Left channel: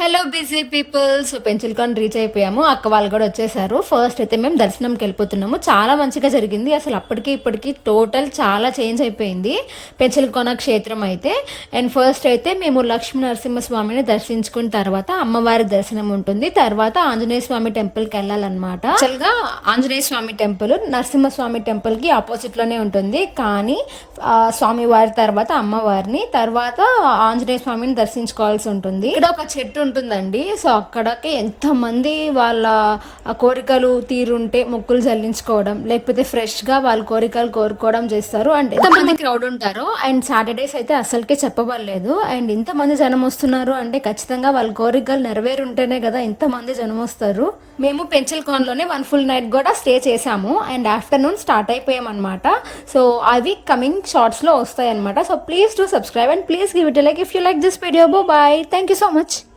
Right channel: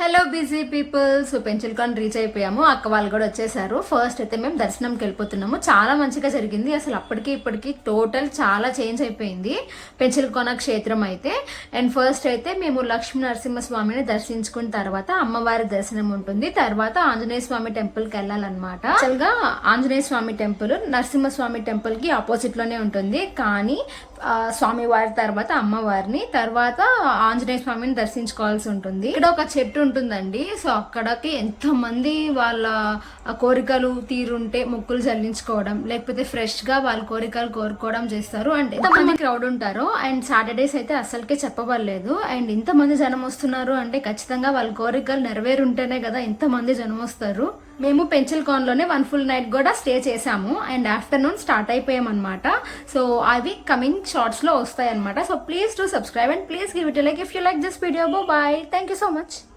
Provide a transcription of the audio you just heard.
Hello busy people. So Penchalakona reach అయిపోయాము. అక్క వాళ్ళు కూడా వచ్చేసారు. ఫస్ట్ అయితే మేము దర్శనంకి వెళ్ళిపోతున్నాము. చాలా మంచిగా జరిగింది. అసలు అప్పటికి ఇప్పటికి టోటల్ చాలా చేంజ్ అయిపోయింది పెంచులకొన క్షేత్రం అయితే. అండ్ ఫస్ట్ అయితే మేము లక్ష్మీ నరసింహస్వామిని దర్శించుకున్న తర్వాత అమ్మవారి దర్శనం ఉంటుంది. తర్వాత ఆంజనేయ స్వామి టెంపుల్కి వెళ్ళాలన్నమాట. యాక్చువల్గా ఆంజనేయ స్వామి టెంపుల్ నరసింహస్వామి టెంపుల్ కి ఆపోజిట్ లోనే ఉంటుంది. కానీ స్వామివారి తర్వాత అమ్మవారిని తర్వాత ఆంజనేయ స్వామిని దర్శించుకోవాల్సి ఉంటుంది. ఇక్కడ ఒక చెట్టు ఉంటుందండి. సో అక్కడికి ఎంత మంది వాళ్ళ కోరికలు తీరుంటే మొక్కులు చెల్లించుకోవడం, లేకపోతే ఫ్రెష్ గా వాళ్ళ కోరికలు కోరుకోవడం చేస్తారు. అండ్ ఎంతమంది క్రౌడ్ ఉంటారు. అండ్ సాటర్డేస్ అయితే అసలుకే చెప్పబడలేదు. అండ్ ఇంతమంది జనం వస్తున్నారు అంటే ఖచ్చితంగా వాళ్ళ కోరికలు నెరవేరుంటేనే కదా ఇంతమంది జనం వస్తారు. మేము పెంచిల్కాన్లోనే 1 full night కూడా స్టే చేసాము. అండ్ ఆఫ్టర్నూన్ స్టార్ట్ అయిపోయాం అనమాట. సో అవి కమింగ్ షార్ట్స్ లో వస్తాయి అనమాట. So please to subscribe and please give it like if you like this video. Bye. Thank you so much.